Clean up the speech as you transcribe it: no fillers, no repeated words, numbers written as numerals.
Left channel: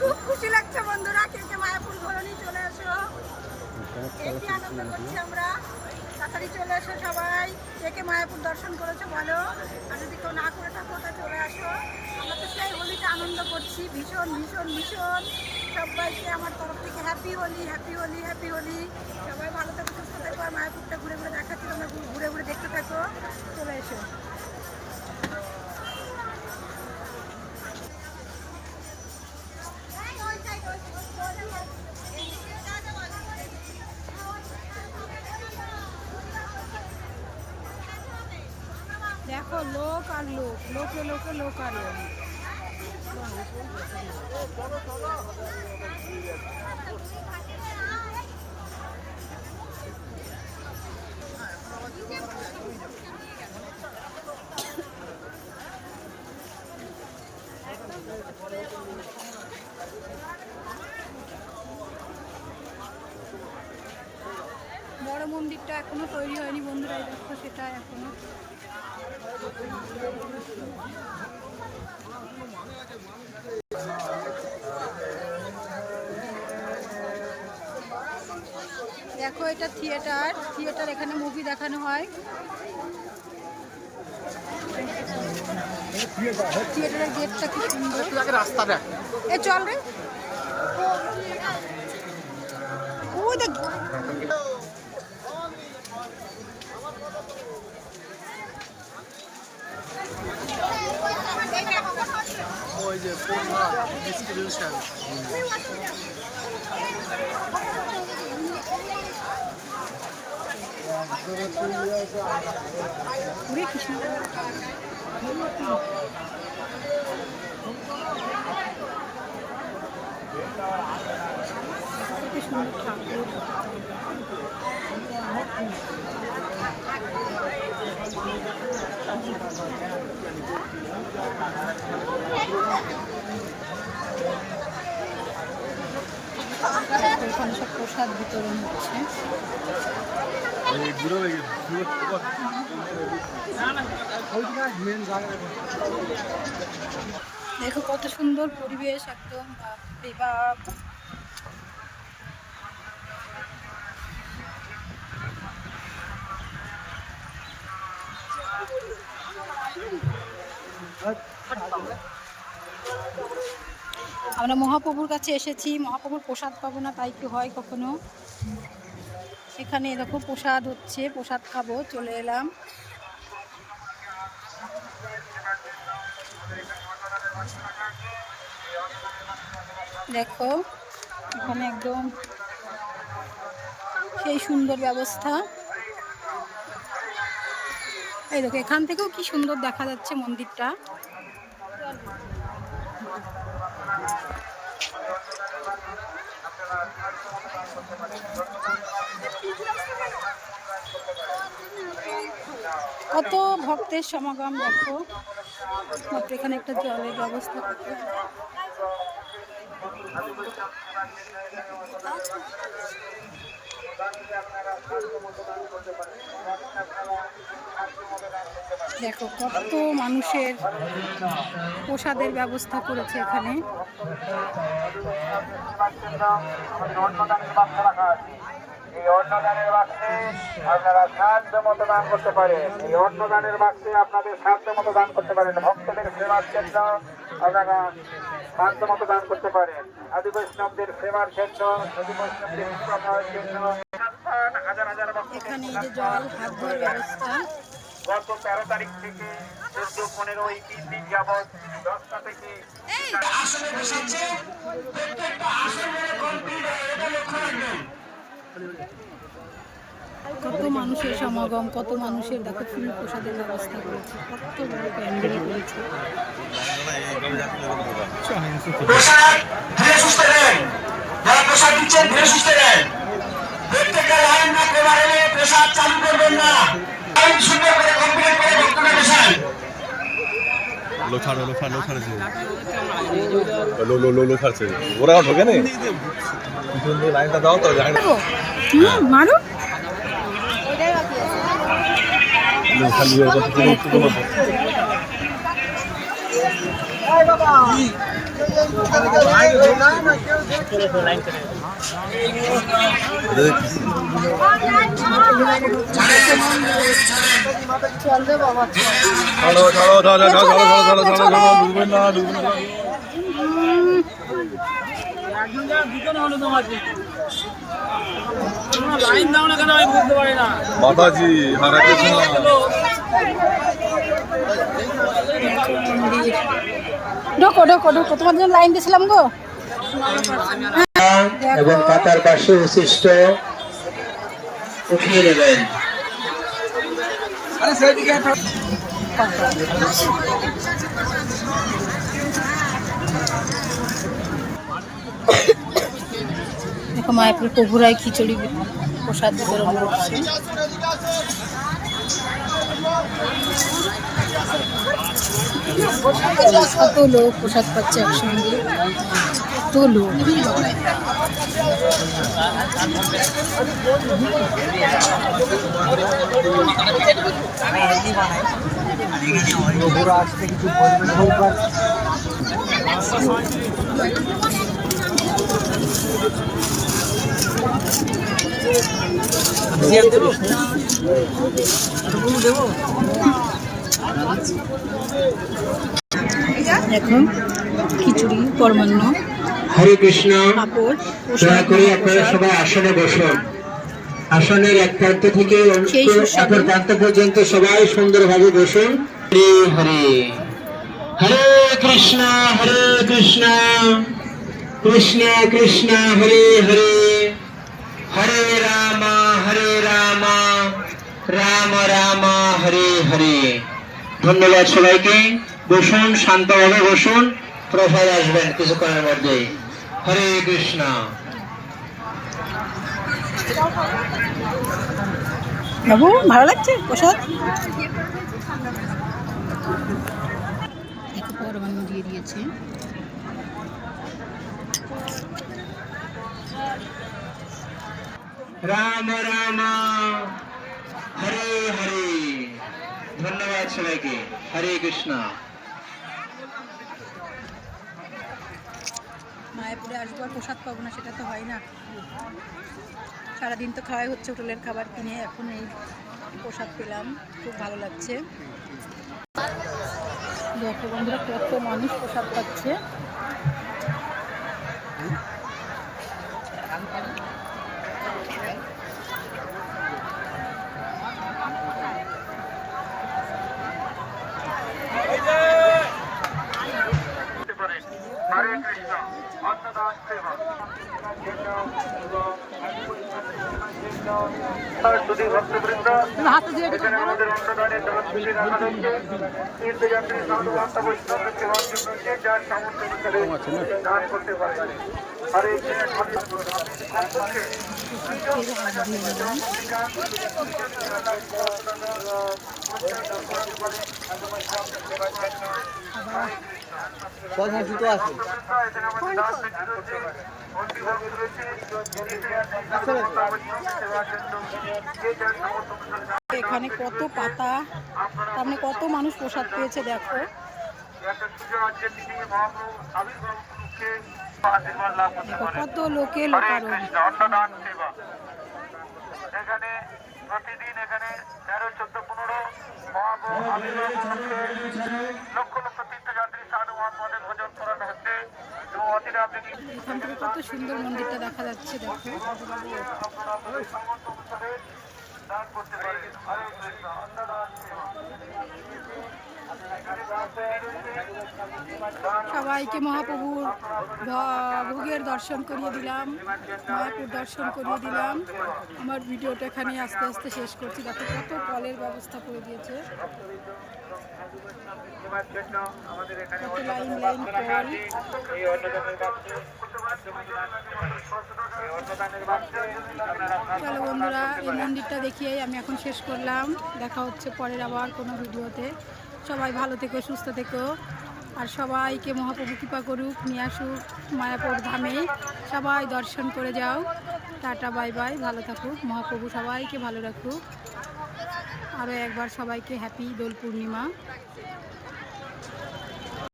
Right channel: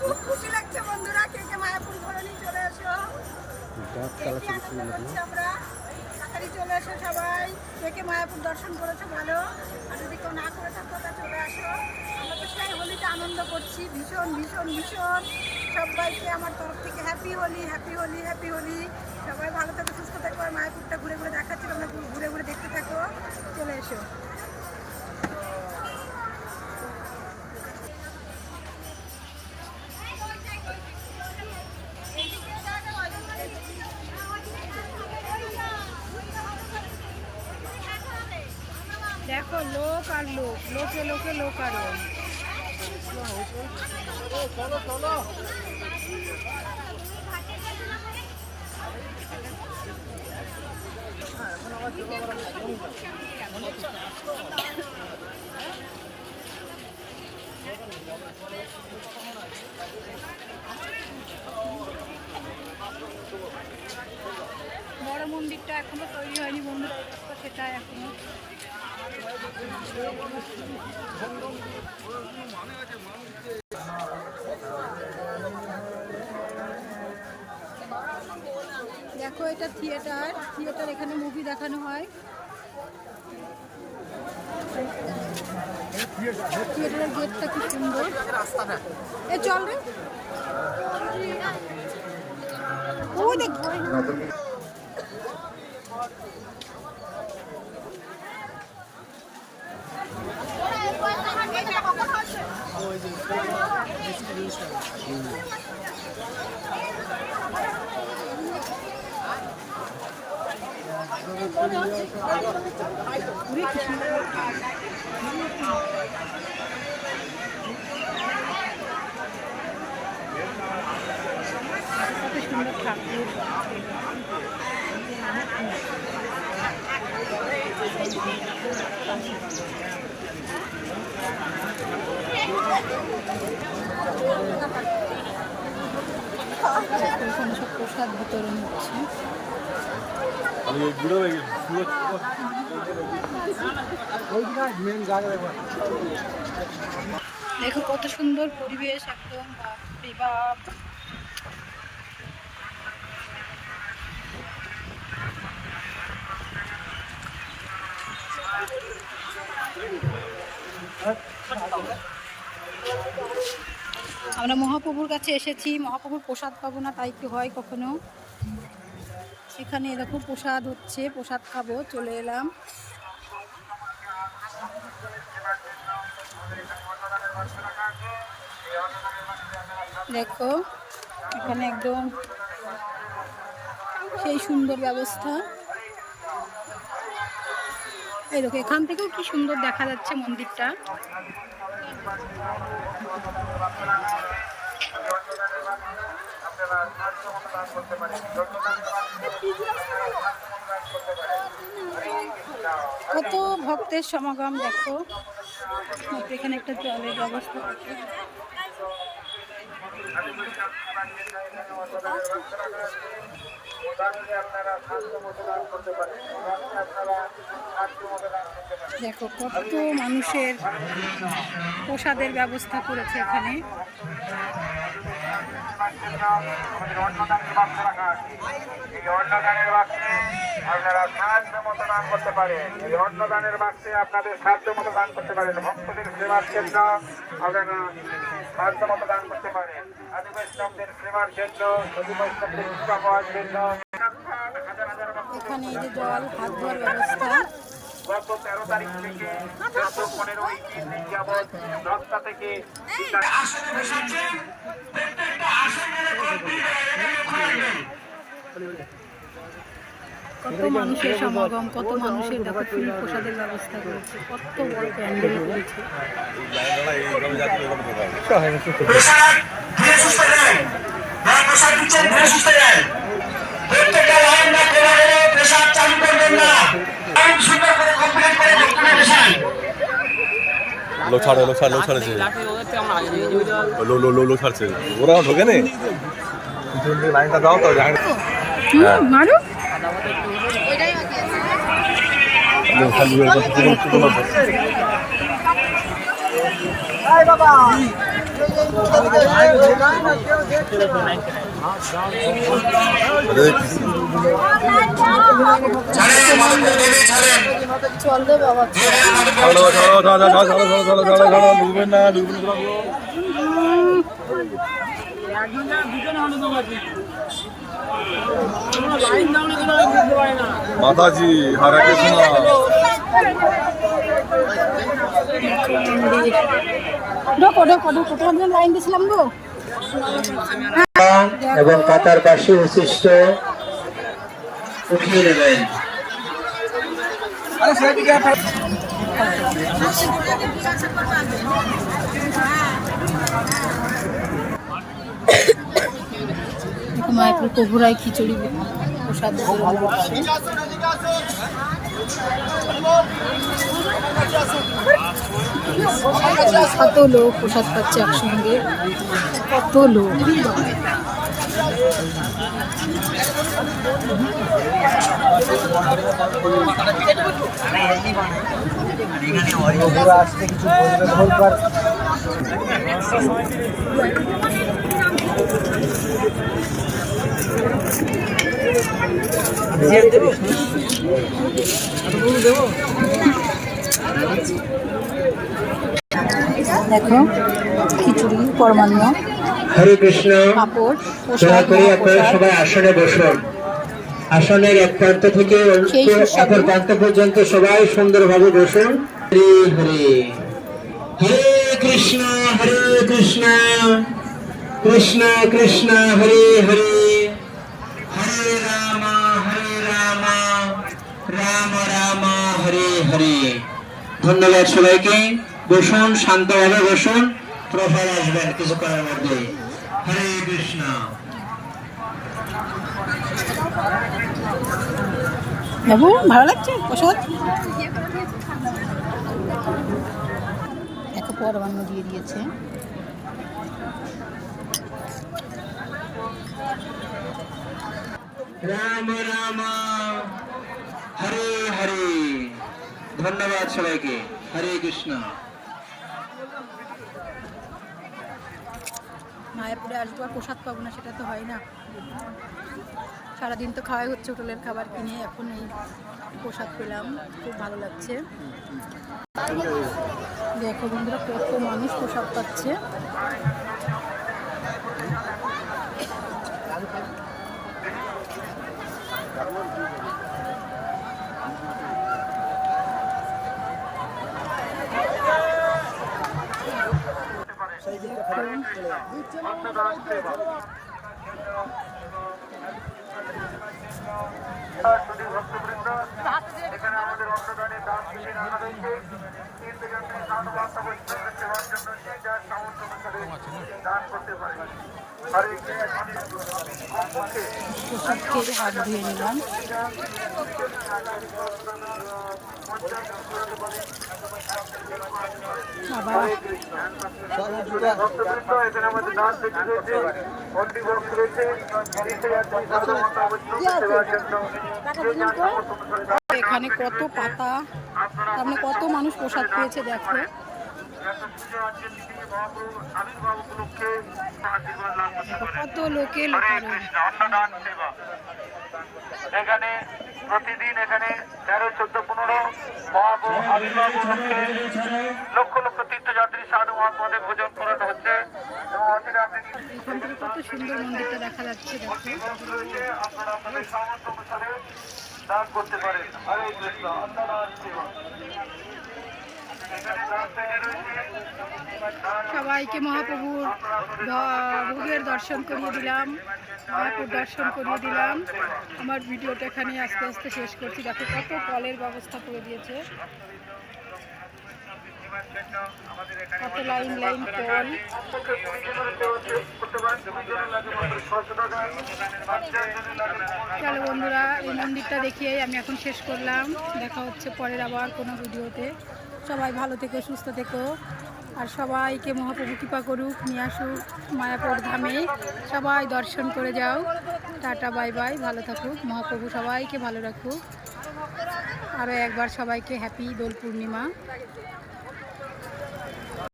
খুব খুশি লাগছে বন্ধুরা, কে কে মায়াপুর ঘোরানি চলে এসো, আনন্দ করছি আমরা। তাড়াতাড়ি চলে এসো সবাই, কে কে মায়াপুর দর্শন করেছো বলো, আর যদি কেউ না করে থাকো তা চলে আসো। আমরা তো সেই হোলিতে আনন্দ করছি ভীষণ ভীষণ ভীষণ। সবাইকে আমার তরফ থেকে happy Holi, happy Holi, happy Holi. সবাই ভালো থাকো, সুস্থ থাকো, আর মায়াপুরটা ঘুরে ঘুরে দেখাচ্ছি, তোমরা ঘুরে ঘুরে দেখতে থাকো, চলে এসো। দেখো লোক আর লোক, লোকে লোকে লোক আরো। বড় মন্দিরটা এখনো তৈরি হয়নি বন্ধুরা, এই দেখো সেটা এখনো। দেখো এটা থিয়েটার, এখানে মুভি দেখানো হয়। থিয়েটারের গেটটা কি সুন্দর। এ চল রে, ওই দেখ। পুরে কি সুন্দর, কত সুন্দর ঠাকুর। ওখানে সব প্রসাদ বিতরণ হচ্ছে। দেখো কত সুন্দর পরিবেশ একদম, বাপরে বাপ। আমরা মহাপ্রভুর কাছে এসেছি, মহাপ্রভুর প্রসাদ পাবো না তাই কি হয় কখনো। এখানে দেখো প্রসাদ হচ্ছে, প্রসাদ খাবো, চলে এলাম। দেখো এখানে একদম সেই সুন্দর ব্যবস্থা। এই দেখো এখান থেকেও কি সুন্দর দেখা যাচ্ছে মন্দিরটা। কত ভক্তের সমাগম দেখো, মাত্র এখানে একটা জলের ব্যবস্থা করতে। দেখো কত মানুষের প্রসাদের ব্যবস্থা করেছে এখানে। এই অন্নদানের বাক্সে আপনারা সাহায্য মতো দান করতে পারেন। এই অন্নদানের বাক্সে আপনাদের সাহায্য মতো দান করতে পারেন। ভক্তদের সেবার জন্য আপনারা সাহায্য মতো দান করতে পারেন। আদি বৈষ্ণবদের সেবার জন্য, আদি বৈষ্ণবদের সেবা পাওয়ার জন্য এখানে এই যে জল হাত ধোয়ার ব্যবস্থা। গত 13 তারিখ থেকে 14-15 এই 3 দিন যাবৎ 10টা থেকে কত মানুষের সমাগম, কত মানুষের দেখো ফ্রি প্রসাদের ব্যবস্থা করেছে, কত বড় প্যান্ডেল করেছে। ওরা ঢোকে নে লাইনটা দাও তো। মারো চলবে বাবা, ছাড়ো ছাড়ো ছাড়ো ছাড়ো ছাড়ো ছাড়ো ছাড়ো ছাড়ো ঢুকবেন না ঢুকবেন না। মাতাজি হরে কৃষ্ণ। ঢোকো ঢোকো ঢোকো, তোমার জন্য লাইন দিয়েছিলাম গো। এবং কাতার পাশে উচ্ছিষ্ট উঠিয়ে নেবেন। দেখো মায়াপুর প্রভুরায় খিচুড়ি প্রসাদ বিতরণ করছে। কত লোক প্রসাদ পাচ্ছে একসঙ্গে, কত লোক। দেখো খিচুড়ি পরমান্ন, হরে কৃষ্ণ। পাঁপড়, দয়া করে আপনারা প্রসাদ। সবাই আসনে বসুন। আসনের এক প্রান্ত থেকে সেই সুস্বাদু অপর প্রান্ত পর্যন্ত সবাই সুন্দরভাবে বসুন। হরে হরে হরে কৃষ্ণ কৃষ্ণ কৃষ্ণ হরে হরে হরে রাম রাম রাম হরে হরে। ধন্যবাদ সবাইকে। বসুন, শান্তভাবে বসুন। প্রসাদ আসবেন কিছুক্ষণের মধ্যে। হরে কৃষ্ণ। বাবু ভালো লাগছে প্রসাদ? দেখো পরমান্ন দিয়ে দিয়েছে। রাম রাম হরে হরে। ধন্যবাদ সবাইকে। হরে কৃষ্ণ। মায়াপুরে আসবো আর প্রসাদ পাবো না, সেটা তো হয় না। সারাদিন তো খাওয়াই হচ্ছে হোটেলের খাবার কিনে, এখন এই প্রসাদ পেলাম, খুব ভালো লাগছে। দেখো বন্ধুরা কত মানুষ প্রসাদ পাচ্ছে। অন্নদান সেবা যদি ভক্তবৃন্দ এখানে আমাদের অন্নদানের দান বিধি রাখা রয়েছে। তীর্থযাত্রী সাধু ভক্ত বৈষ্ণবকে সেবার জন্য যে যার সামর্থ্য অনুসারে দান করতে পারে। হরে প্রসাদ খেয়ে হাত ধুয়ে নিলাম। বাবা এখানে কত পাতা, তার মানে কত মানুষ প্রসাদ পেয়েছে দেখো। কত লোকে লোকারণ। অন্নদান সেবা এখানে প্রতিদিন এখানে 13, 14, 15 লক্ষ লক্ষ তীর্থযাত্রী সাধু মহাত্মাদের ভোজন পূরণ হচ্ছে। এখান থেকে কত সুন্দর মন্দিরটা দেখা যাচ্ছে দেখো। আপনারা আপনাদের সামর্থ্য অনুসারে দান করতে পারেন। সবাইকে মহাপ্রভুর ভোগের দর্শন করিয়ে দিলাম, মায়াপুর দর্শন করিয়ে দিলাম। আমার ভিডিওটা এখানে আস্তে আস্তে শেষ করছি। দেখো কত কলের ব্যবস্থা করে দিয়েছে, কত লাইন লাইন কল। চলো বন্ধুরা, এই মন্দিরটা দেখিয়েই আমি এখন শেষ করলাম। দেখা হচ্ছে পরের আবার কোনো ভিডিওতে। সবাই ভালো থেকো, সুস্থ থেকো, আর সবাইকে মহাপ্রভু কৃপা করুক, নিয়ে আসুক মায়াপুর ধামে। সবাই দর্শন করে যাও। টাটা বাই বাই, ভালো থাকুক মহাপ্রভু, সবাইকে ভালো রাখুক। আরও একবার সবাইকে হ্যাপি দোল পূর্ণিমা।